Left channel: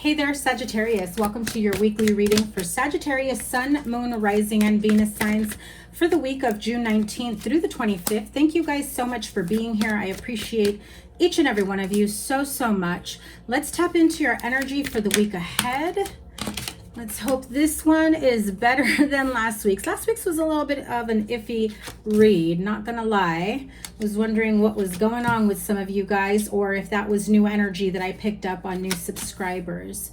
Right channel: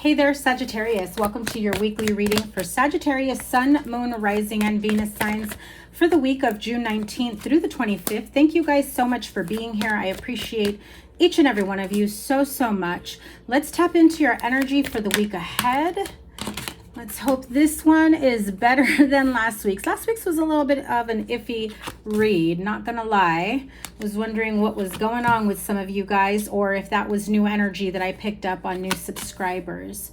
Hey there, Sagittarius. Welcome to your weekly reading for Sagittarius, Sun, Moon, Rising, and Venus signs for the week of June 19th through the 25th. Thank you guys so much for being here. I appreciate each and every one of you so much. Let's tap into your energy for the week ahead. Let's hope this one is better than last week's. Last week's was a little bit of an iffy read, not gonna lie. Was wondering what was going on with some of you guys, or if that was new energy that I picked up on new subscribers.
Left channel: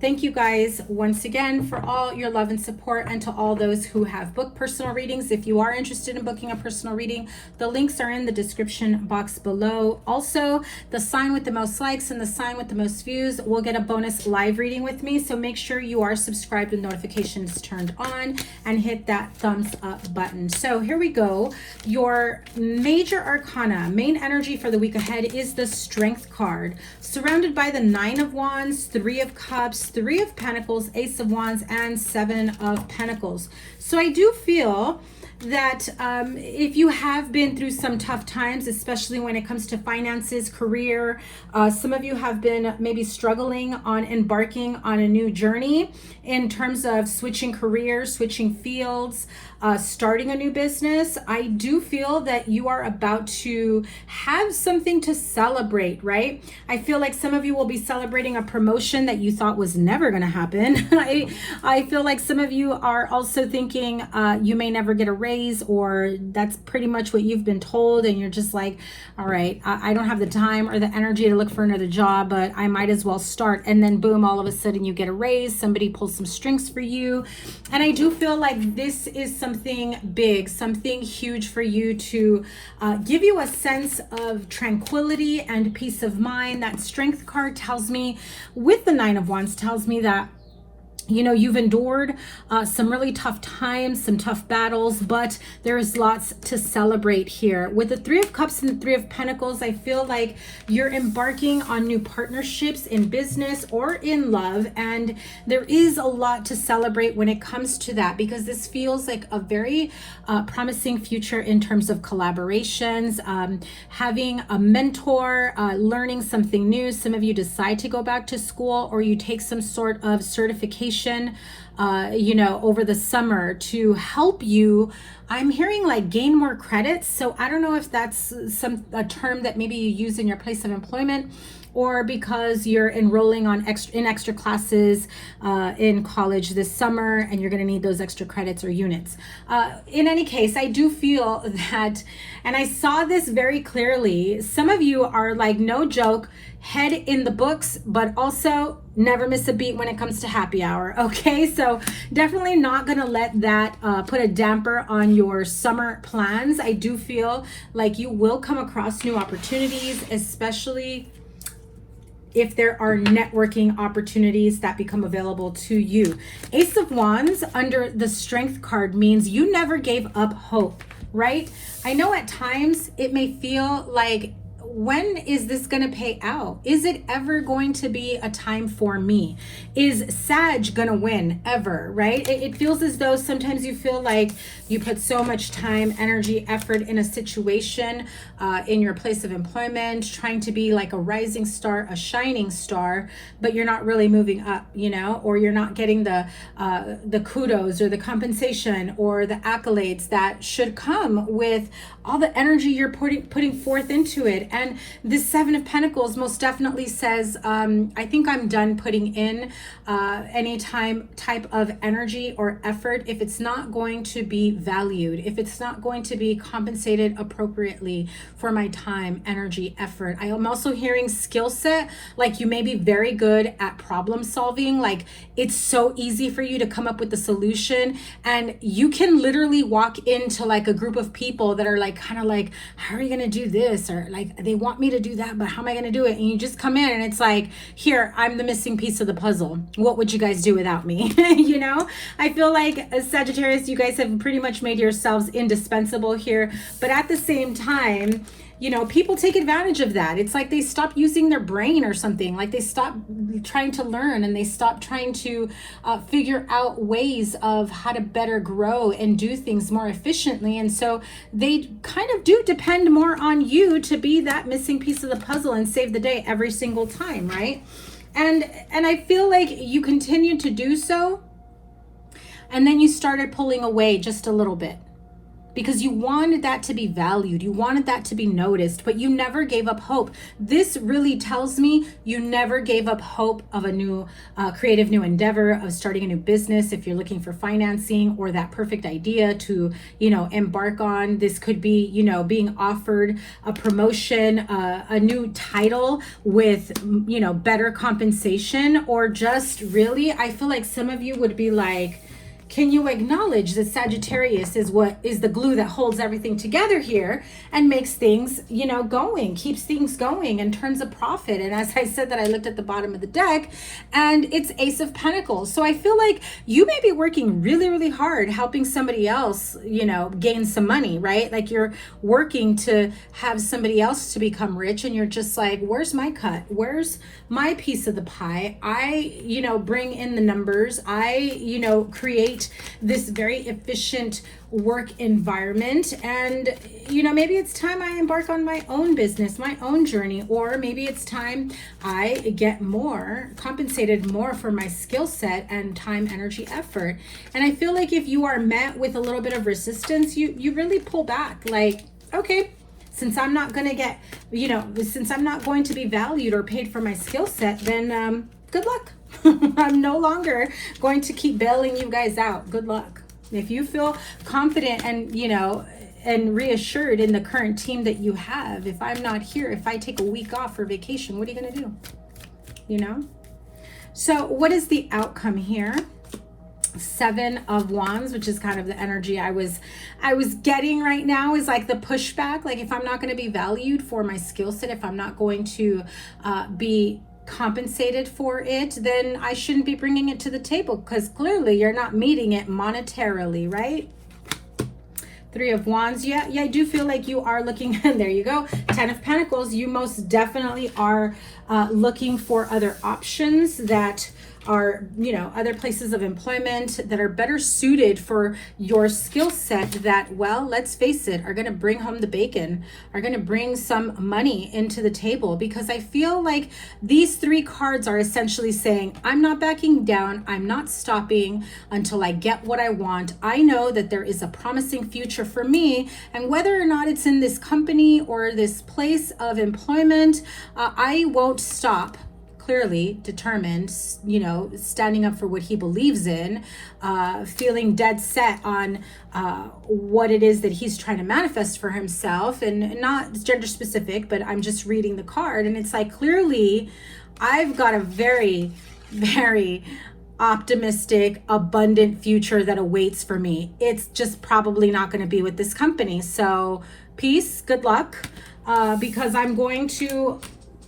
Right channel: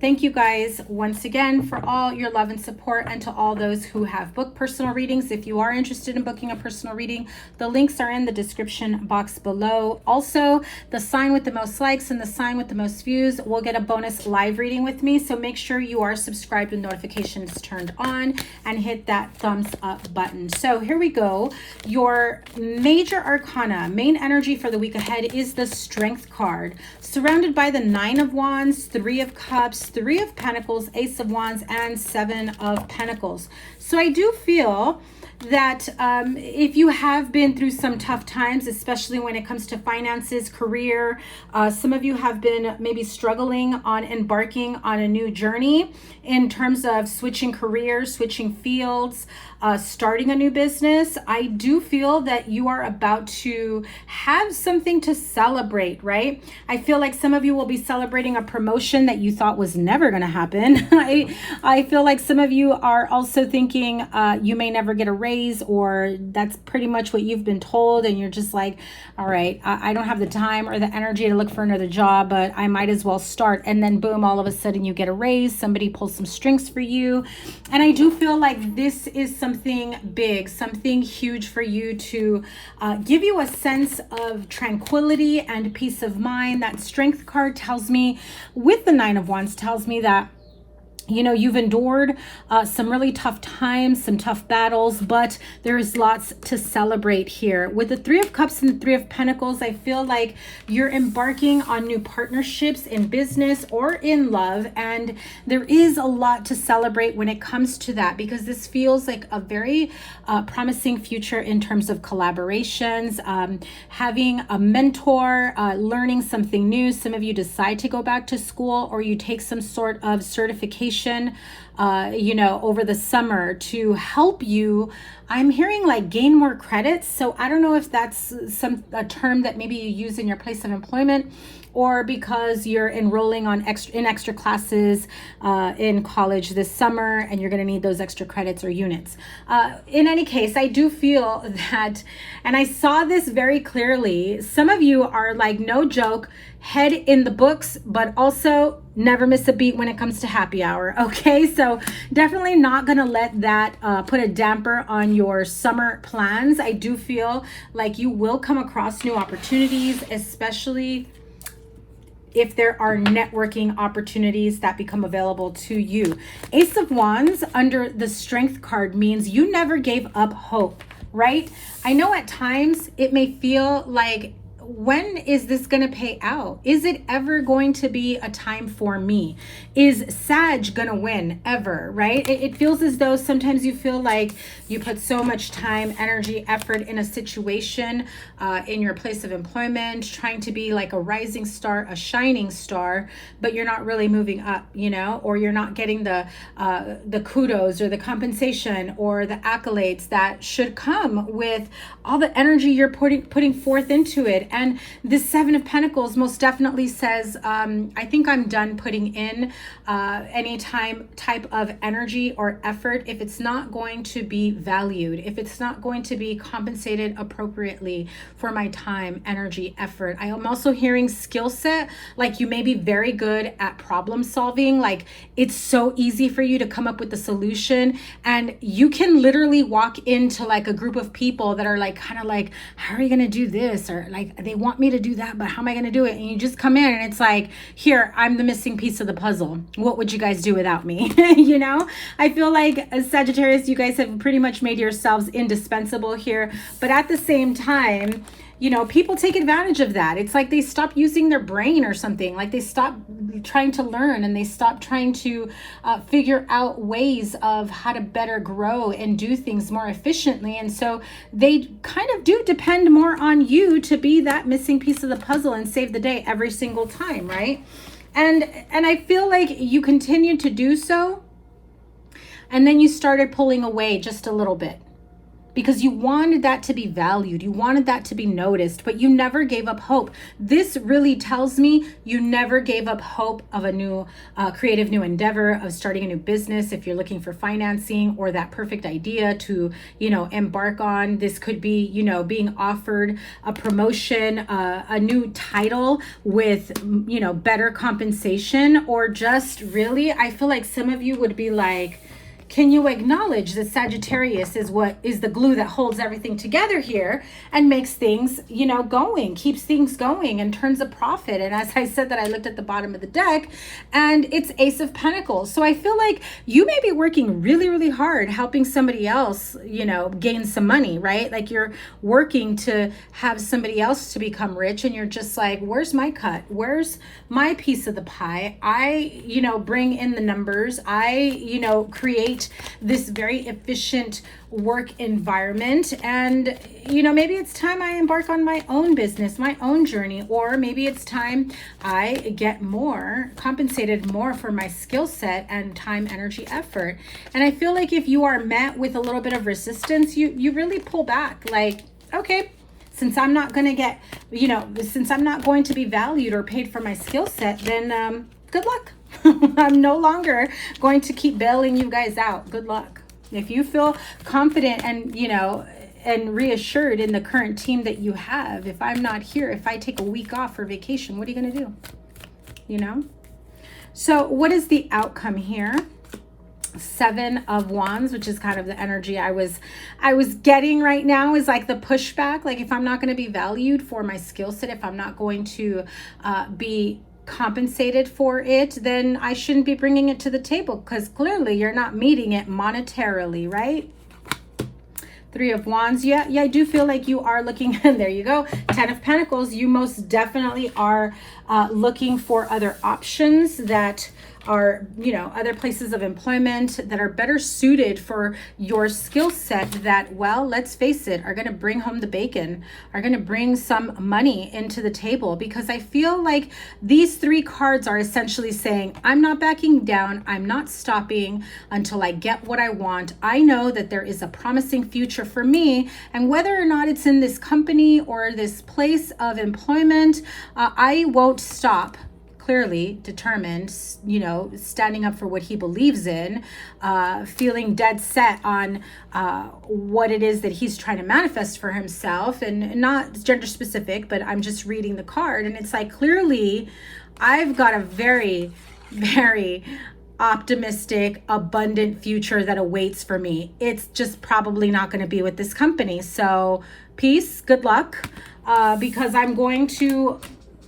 Thank you guys once again for all your love and support, and to all those who have booked personal readings. If you are interested in booking a personal reading, the links are in the description box below. Also, the sign with the most likes and the sign with the most views will get a bonus live reading with me. So make sure you are subscribed with notifications turned on and hit that thumbs up button. So here we go. Your major arcana, main energy for the week ahead is the Strength card, surrounded by the Nine of Wands, Three of Cups, Three of Pentacles, Ace of Wands, and Seven of Pentacles. So I do feel that if you have been through some tough times, especially when it comes to finances, career, some of you have been maybe struggling on embarking on a new journey in terms of switching careers, switching fields, starting a new business. I do feel that you are about to have something to celebrate, right? I feel like some of you will be celebrating a promotion that you thought was never going to happen. I feel like some of you are also thinking you may never get a raise, or that's pretty much what you've been told, and you're just like, all right, I don't have the time or the energy to look for another job, but I might as well start. And then boom, all of a sudden you get a raise, somebody pulls some strings for you. And I do feel like this is something big, something huge for you to give you a sense of tranquility and peace of mind. That Strength card tells me, with the Nine of Wands, tells me that you know, you've endured some really tough times, some tough battles, but there is lots to celebrate here. With the Three of Cups and the Three of Pentacles, I feel like you're embarking on new partnerships in business or in love, and there is a lot to celebrate when it comes to that, because this feels like a very promising future in terms of collaborations, having a mentor, learning something new. Some of you decide to go back to school, or you take some sort of certification you know, over the summer to help you. I'm hearing like gain more credits. So I don't know if that's a term that maybe you use in your place of employment, or because you're enrolling on extra classes in college this summer, and you're going to need those extra credits or units. In any case, I do feel that, and I saw this very clearly, some of you are like, no joke, head in the books, but also never miss a beat when it comes to happy hour. Okay, so definitely not gonna let that put a damper on your summer plans. I do feel like you will come across new opportunities, especially if there are networking opportunities that become available to you. Ace of Wands under the Strength card means you never gave up hope, right? I know at times it may feel like, when is this going to pay out? Is it ever going to be a time for me? Is Sag going to win ever, right? It feels as though sometimes you feel like you put so much time, energy, effort in a situation, in your place of employment, trying to be like a rising star, a shining star, but you're not really moving up, you know, or you're not getting the kudos or the compensation or the accolades that should come with all the energy you're putting forth into it. And the Seven of Pentacles most definitely says, I think I'm done putting in any type of energy or effort if it's not going to be valued, if it's not going to be compensated appropriately for my time, energy, effort. I am also hearing skill set, like you may be very good at problem solving, like it's so easy for you to come up with the solution, and you can literally walk into like a group of people that are like kind of like, how are you gonna do this, or like they want me to do that, but how am I gonna do it? And you just come in and it's like, here, I'm the missing piece of the puzzle. What would you guys do without me? You know, I feel like as Sagittarius, you guys have pretty much made yourselves indispensable here, but at the same time, you know, people take advantage of that. It's like they stop using their brain or something, like they stop trying to learn, and they stop trying to figure out ways of how to better grow and do things more efficiently. And so they kind of do depend more on you to be that missing piece of the puzzle and save the day every single time, right? And I feel like you continued to do so, and then you started pulling away just a little bit because you wanted that to be valued. You wanted that to be noticed, but you never gave up hope. This really tells me you never gave up hope of a new creative new endeavor, of starting a new business. If you're looking for financing or that perfect idea to, you know, embark on, this could be, you know, being offered a promotion, a new title with, you know, better compensation, or just really, I feel like some of you would be like, can you acknowledge that Sagittarius is what is the glue that holds everything together here and makes things, you know, going, keeps things going and turns a profit? And as I said that, I looked at the bottom of the deck and it's Ace of Pentacles. So I feel like you may be working really, really hard helping somebody else, you know, gain some money, right? Like you're working to have somebody else to become rich, and you're just like, where's my cut? Where's my piece of the pie? I, you know, bring in the numbers. I, you know, create this very efficient work environment, and you know, maybe it's time I embark on my own business, my own journey, or maybe it's time I get more compensated more for my skill set and time, energy, effort. And I feel like if you are met with a little bit of resistance, you really pull back, like, okay, since I'm not going to get, you know, since I'm not going to be valued or paid for my skill set, then good luck. I'm no longer going to keep bailing you guys out. Good luck. If you feel confident and, you know, and reassured in the current team that you have, if I'm not here, if I take a week off for vacation, what are you going to do? You know? So what is the outcome here? 7 of Wands, which is kind of the energy I was getting right now, is like the pushback. Like if I'm not going to be valued for my skill set, if I'm not going to be compensated for it, then I shouldn't be bringing it to the table, because clearly you're not meeting it monetarily, right? 3 of Wands. Yeah, I do feel like you are looking, and there you go, 10 of Pentacles. You most definitely are looking for other options that are, you know, other places of employment that are better suited for your skill set, that, well, let's face it, are going to bring home the bacon, are going to bring some money into the table. Because I feel like these 3 cards are essentially saying, I'm not backing down, I'm not stopping until I get what I want. I know that there is a promising future for me, and whether or not it's in this company or this place of employment, I won't stop. Clearly determined, you know, standing up for what he believes in, feeling dead set on what it is that he's trying to manifest for himself, and not gender specific, but I'm just reading the card, and it's like, clearly I've got a very, very optimistic, abundant future that awaits for me. It's just probably not going to be with this company. So peace, good luck, because I'm going to,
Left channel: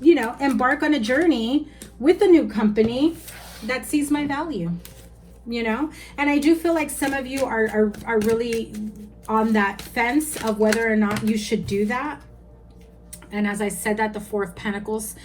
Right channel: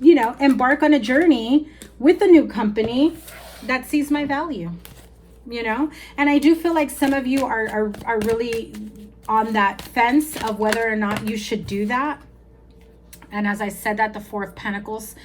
you know, embark on a journey with a new company that sees my value, you know. And I do feel like some of you are really on that fence of whether or not you should do that. And as I said that, the 4 of Pentacles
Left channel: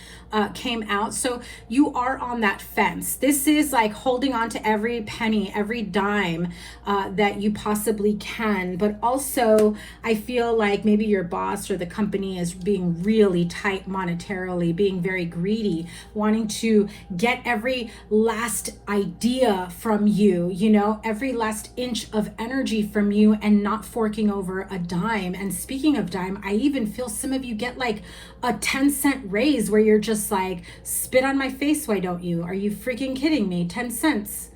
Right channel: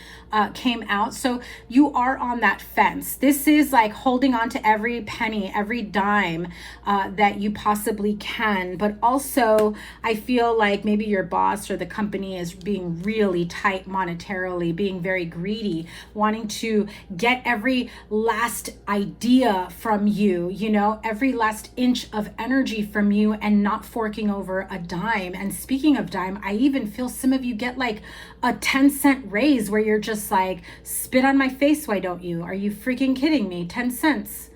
came out. So you are on that fence. This is like holding on to every penny, every dime that you possibly can. But also, I feel like maybe your boss or the company is being really tight monetarily, being very greedy, wanting to get every last idea from you, you know, every last inch of energy from you, and not forking over a dime. And speaking of dime, I even feel some of you get like a 10-cent raise where you're just like, spit on my face, why don't you? Are you freaking kidding me? 10 cents?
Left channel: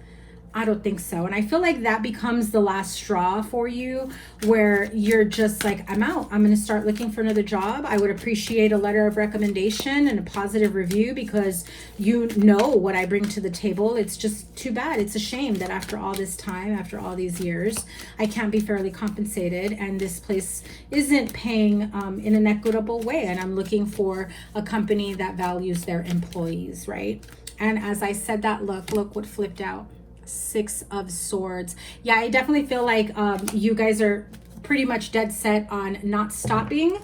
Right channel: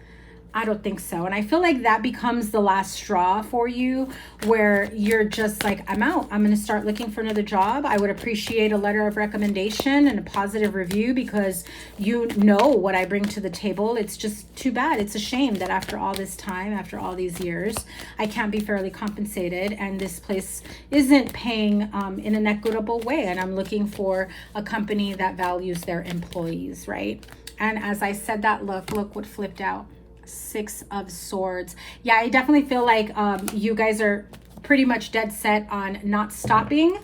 I don't think so. And I feel like that becomes the last straw for you, where you're just like, I'm out. I'm going to start looking for another job. I would appreciate a letter of recommendation and a positive review, because you know what I bring to the table. It's just too bad. It's a shame that after all this time, after all these years, I can't be fairly compensated, and this place isn't paying in an equitable way. And I'm looking for a company that values their employees, right? And as I said that, look what flipped out. 6 of Swords. Yeah, I definitely feel like you guys are pretty much dead set on not stopping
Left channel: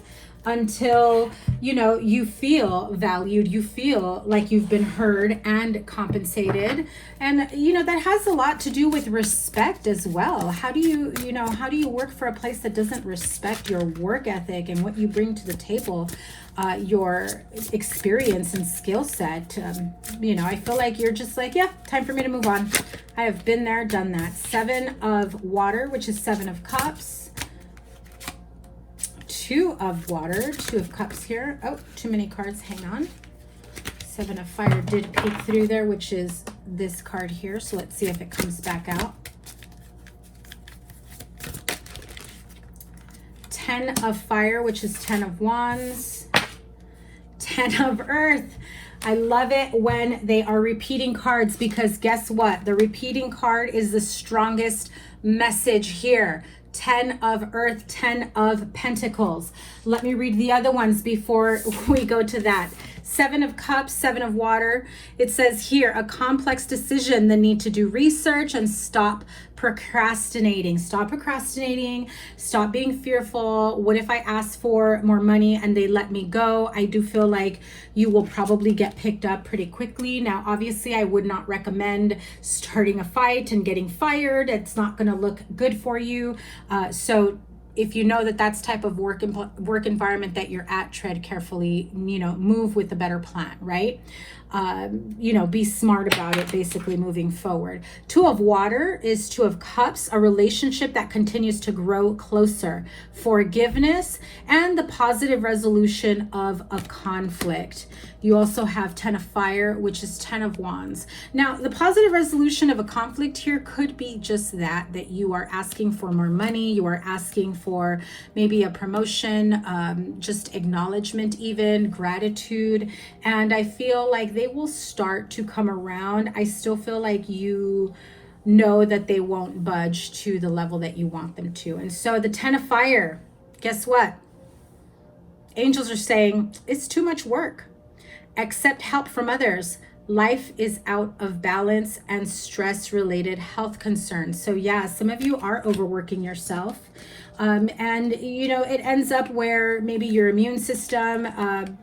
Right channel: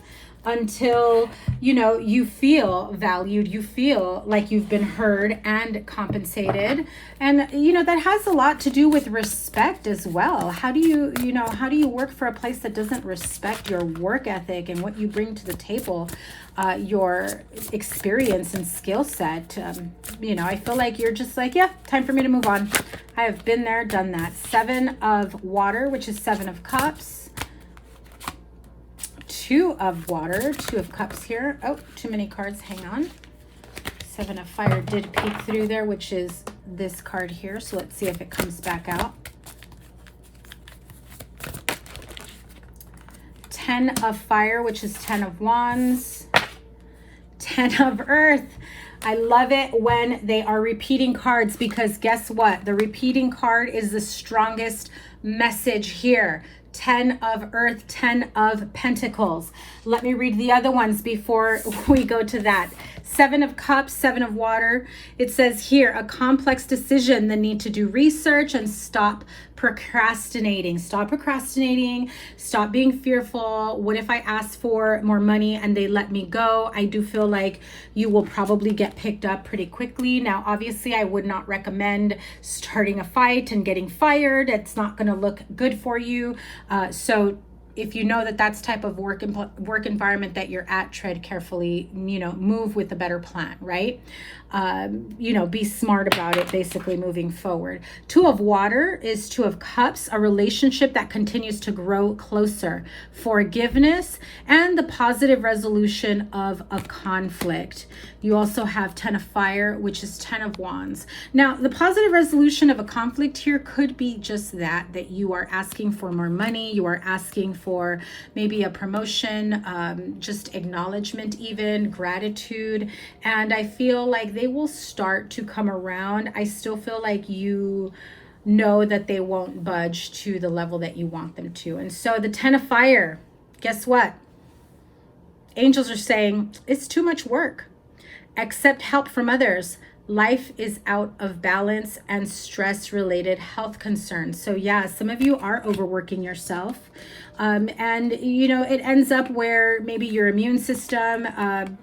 until, you know, you feel valued, you feel like you've been heard and compensated. And, you know, that has a lot to do with respect as well. How do you, you know, how do you work for a place that doesn't respect your work ethic and what you bring to the table? Your experience and skill set. You know, I feel like you're just like, yeah, time for me to move on. I have been there, done that. 7 of water, which is 7 of cups. 2 of water, 2 of cups here. Oh, too many cards, hang on. 7 of fire did peek through there, which is this card here. So let's see if it comes back out. 10 of fire, which is 10 of wands. 10 of earth. I love it when they are repeating cards, because guess what? The repeating card is the strongest message here. 10 of earth, 10 of pentacles. Let me read the other ones before we go to that. 7 of cups, 7 of water. It says here, a complex decision, the need to do research and stop procrastinating. Stop procrastinating. Stop being fearful. What if I ask for more money and they let me go? I do feel like you will probably get picked up pretty quickly. Now, obviously, I would not recommend starting a fight and getting fired. It's not going to look good for you. So if you know that that's type of work environment that you're at, tread carefully, you know, move with a better plan, right? You know, be smart about it, basically moving forward. 2 of water is 2 of cups, a relationship that continues to grow closer, forgiveness, and the positive resolution of a conflict. You also have 10 of fire, which is 10 of wands. Now, the positive resolution of a conflict here could be just that you are asking for more money, you are asking for maybe a promotion, just acknowledgement, even gratitude. And I feel like they will start to come around. I still feel like you know that they won't budge to the level that you want them to. And so the 10 of fire, guess what? Angels are saying it's too much work. Accept help from others. Life is out of balance and stress-related health concerns. So yeah, some of you are overworking yourself. And, you know, it ends up where maybe your immune system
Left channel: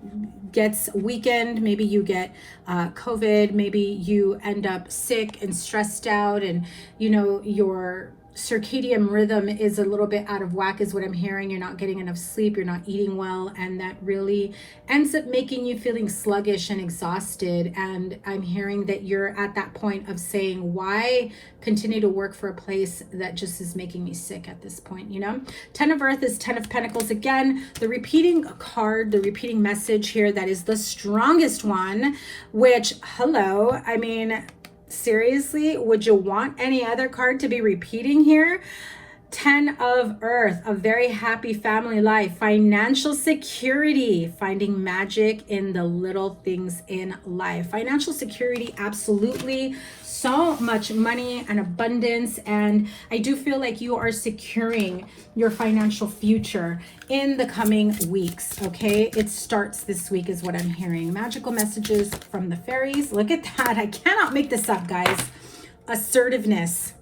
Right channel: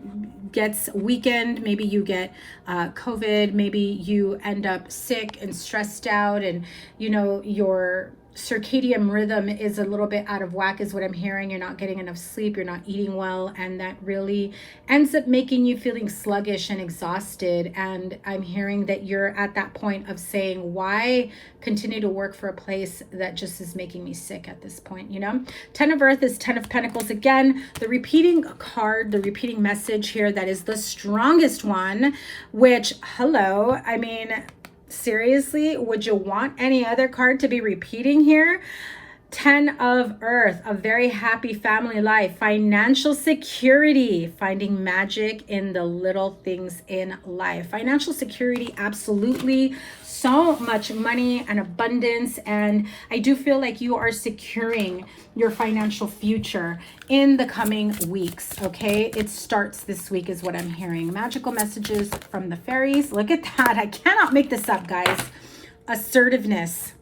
gets weakened. Maybe you get COVID. Maybe you end up sick and stressed out, and, you know, your circadian rhythm is a little bit out of whack is what I'm hearing. You're not getting enough sleep, you're not eating well, and that really ends up making you feeling sluggish and exhausted. And I'm hearing that you're at that point of saying, why continue to work for a place that just is making me sick at this point, you know? 10 of earth is 10 of pentacles. Again, the repeating card, the repeating message here, that is the strongest one, which, hello, I mean, seriously, would you want any other card to be repeating here? 10 of earth, a very happy family life, financial security, finding magic in the little things in life. Financial security, absolutely. So much money and abundance. And I do feel like you are securing your financial future in the coming weeks, okay? It starts this week is what I'm hearing. Magical messages from the fairies. Look at that. I cannot make this up, guys. Assertiveness.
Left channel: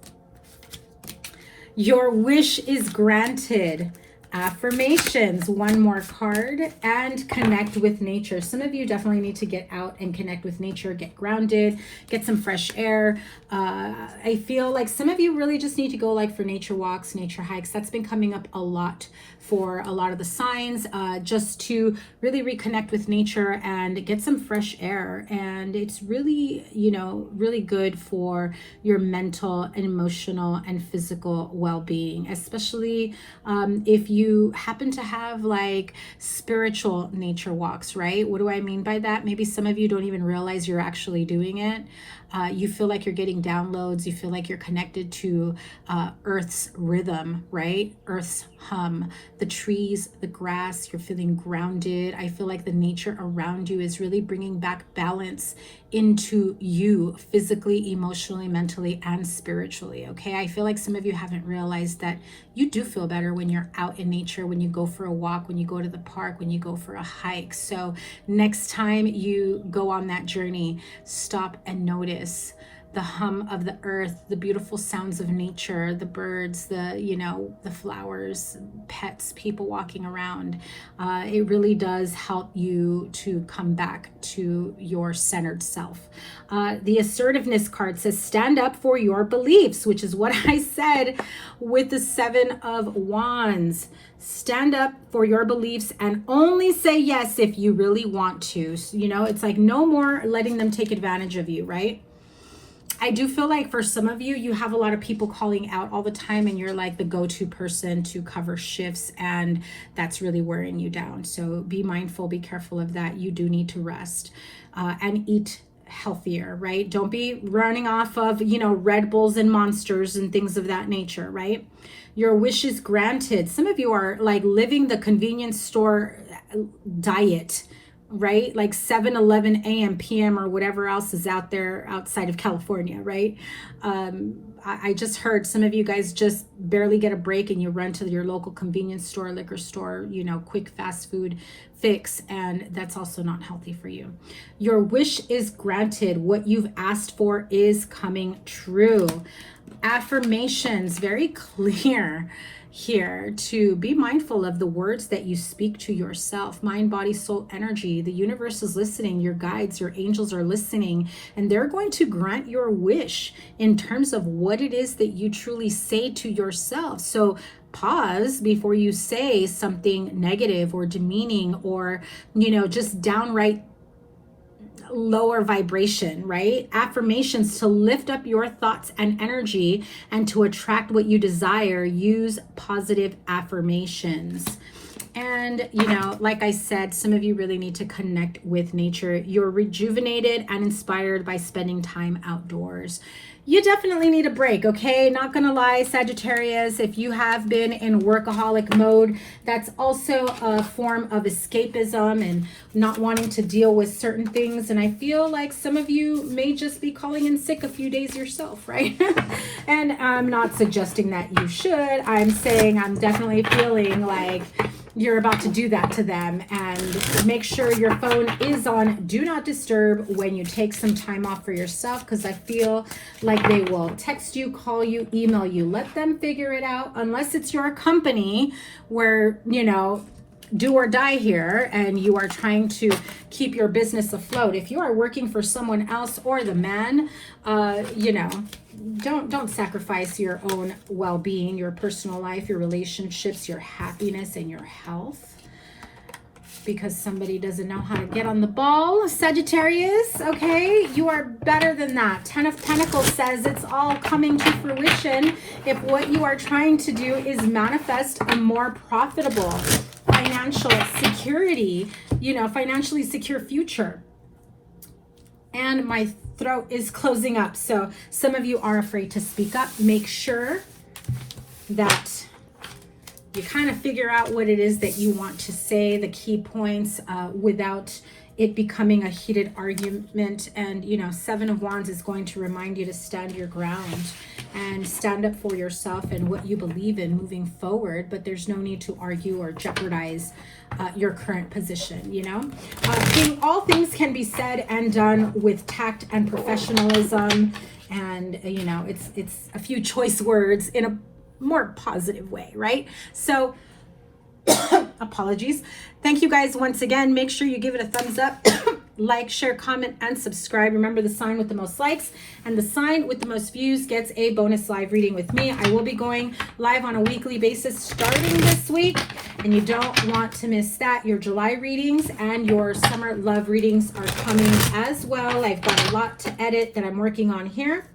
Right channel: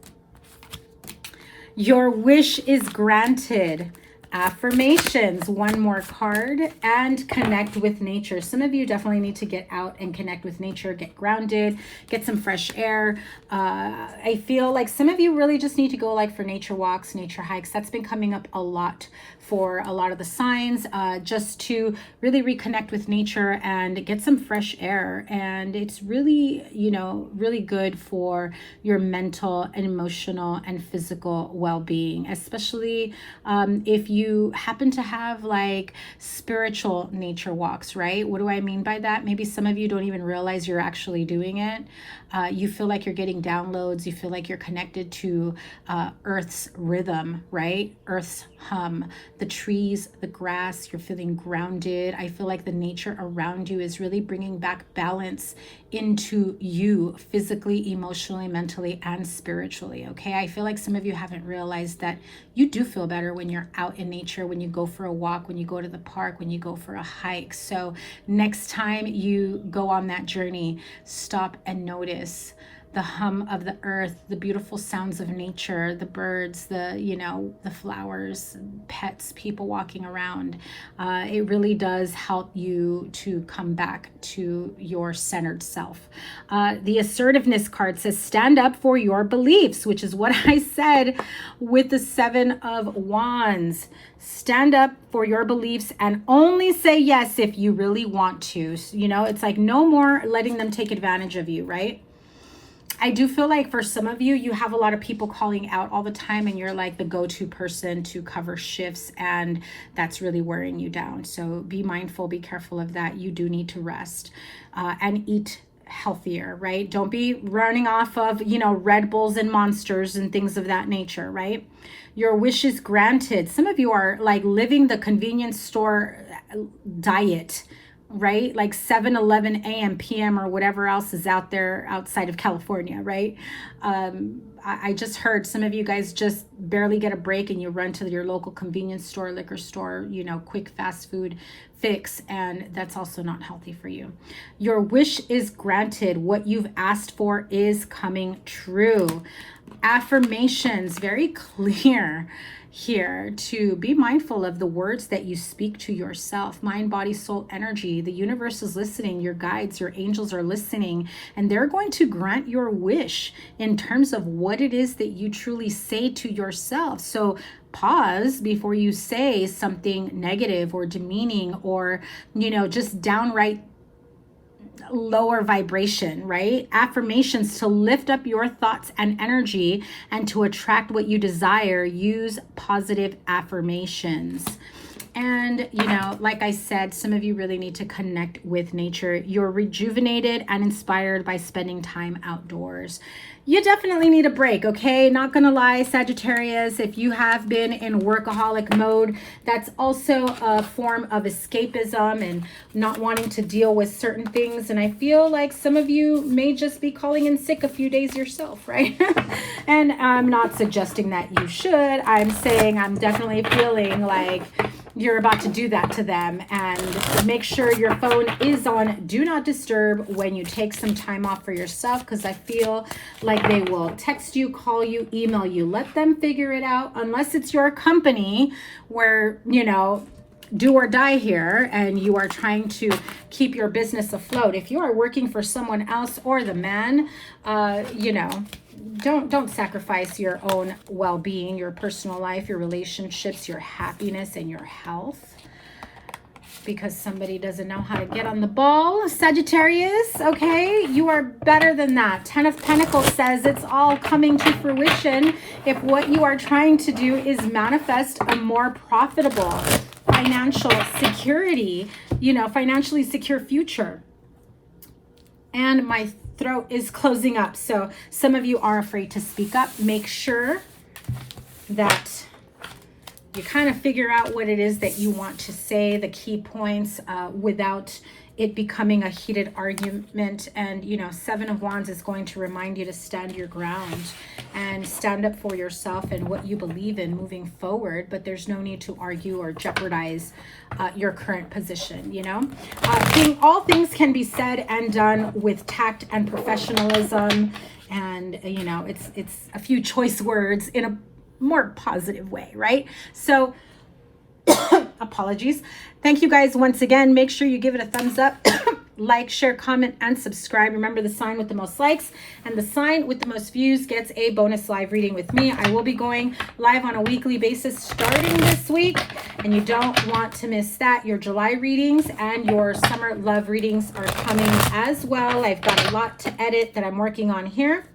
Your wish is granted. Affirmations, one more card, and connect with nature. Some of you definitely need to get out and connect with nature, get grounded, get some fresh air. I feel like some of you really just need to go like for nature walks, nature hikes. That's been coming up a lot for a lot of the signs, just to really reconnect with nature and get some fresh air. And it's really, you know, really good for your mental and emotional and physical well-being, especially if you happen to have like spiritual nature walks, right? What do I mean by that? Maybe some of you don't even realize you're actually doing it. You feel like you're getting downloads. You feel like you're connected to Earth's rhythm, right? Earth's hum, the trees, the grass. You're feeling grounded. I feel like the nature around you is really bringing back balance into you physically, emotionally, mentally, and spiritually, okay? I feel like some of you haven't realized that you do feel better when you're out in nature, when you go for a walk, when you go to the park, when you go for a hike. So next time you go on that journey, stop and notice the hum of the earth, the beautiful sounds of nature, the birds, the, you know, the flowers, pets, people walking around. It really does help you to come back to your centered self. The assertiveness card says, stand up for your beliefs, which is what I said with the 7 of Wands. Stand up for your beliefs and only say yes if you really want to. You know, it's like no more letting them take advantage of you, right? I do feel like for some of you, you have a lot of people calling out all the time and you're like the go-to person to cover shifts, and that's really wearing you down. So be mindful, be careful of that. You do need to rest and eat healthier, right? Don't be running off of, you know, Red Bulls and Monsters and things of that nature, right? Your wish is granted. Some of you are like living the convenience store diet, right? Like 7-11 a.m. p.m. or whatever else is out there outside of California, right? I just heard some of you guys just barely get a break and you run to your local convenience store, liquor store, you know, quick fast food fix, and that's also not healthy for you. Your wish is granted. What you've asked for is coming true. Affirmations, very clear here to be mindful of the words that you speak to yourself. Mind, body, soul, energy. The universe is listening. Your guides, your angels are listening, and they're going to grant your wish in terms of what it is that you truly say to yourself. So pause before you say something negative or demeaning or, you know, just downright lower vibration, right? Affirmations to lift up your thoughts and energy and to attract what you desire. Use positive affirmations. And, you know, like I said, some of you really need to connect with nature. You're rejuvenated and inspired by spending time outdoors. You definitely need a break, okay? Not gonna lie, Sagittarius, if you have been in workaholic mode, that's also a form of escapism and not wanting to deal with certain things. And I feel like some of you may just be calling in sick a few days yourself, right? And I'm not suggesting that you should. I'm saying I'm definitely feeling like you're about to do that to them, and make sure your phone is on do not disturb when you take some time off for yourself, because I feel like they will text you, call you, email you. Let them figure it out, unless it's your company where, you know, do or die here and you are trying to keep your business afloat. If you are working for someone else or the man, you know, don't sacrifice your own well-being, your personal life, your relationships, your happiness, and your health because somebody doesn't know how to get on the ball. Sagittarius, okay, you are better than that. 10 of Pentacles says it's all coming to fruition if what you are trying to do is manifest a more profitable financial security, you know, financially secure future. And my throat is closing up, so some of you are afraid to speak up. Make sure that you kind of figure out what it is that you want to say, the key points, without it becoming a heated argument. And, you know, 7 of Wands is going to remind you to stand your ground and stand up for yourself and what you believe in moving forward. But there's no need to argue or jeopardize your current position, you know. All things can be said and done with tact and professionalism. And, you know, it's a few choice words in a more positive way, right? So apologies. Thank you guys once again. Make sure you give it a thumbs up, like, share, comment, and subscribe. Remember, the sign with the most likes and the sign with the most views gets a bonus live reading with me. I will be going live on a weekly basis starting this week, and you don't want to miss that. Your July readings and your summer love readings are coming as well. I've got a lot to edit that I'm working on here.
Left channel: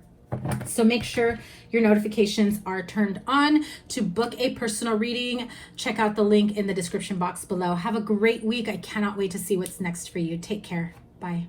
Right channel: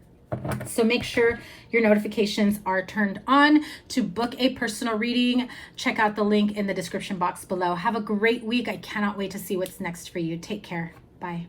So make sure your notifications are turned on. To book a personal reading, check out the link in the description box below. Have a great week. I cannot wait to see what's next for you. Take care. Bye.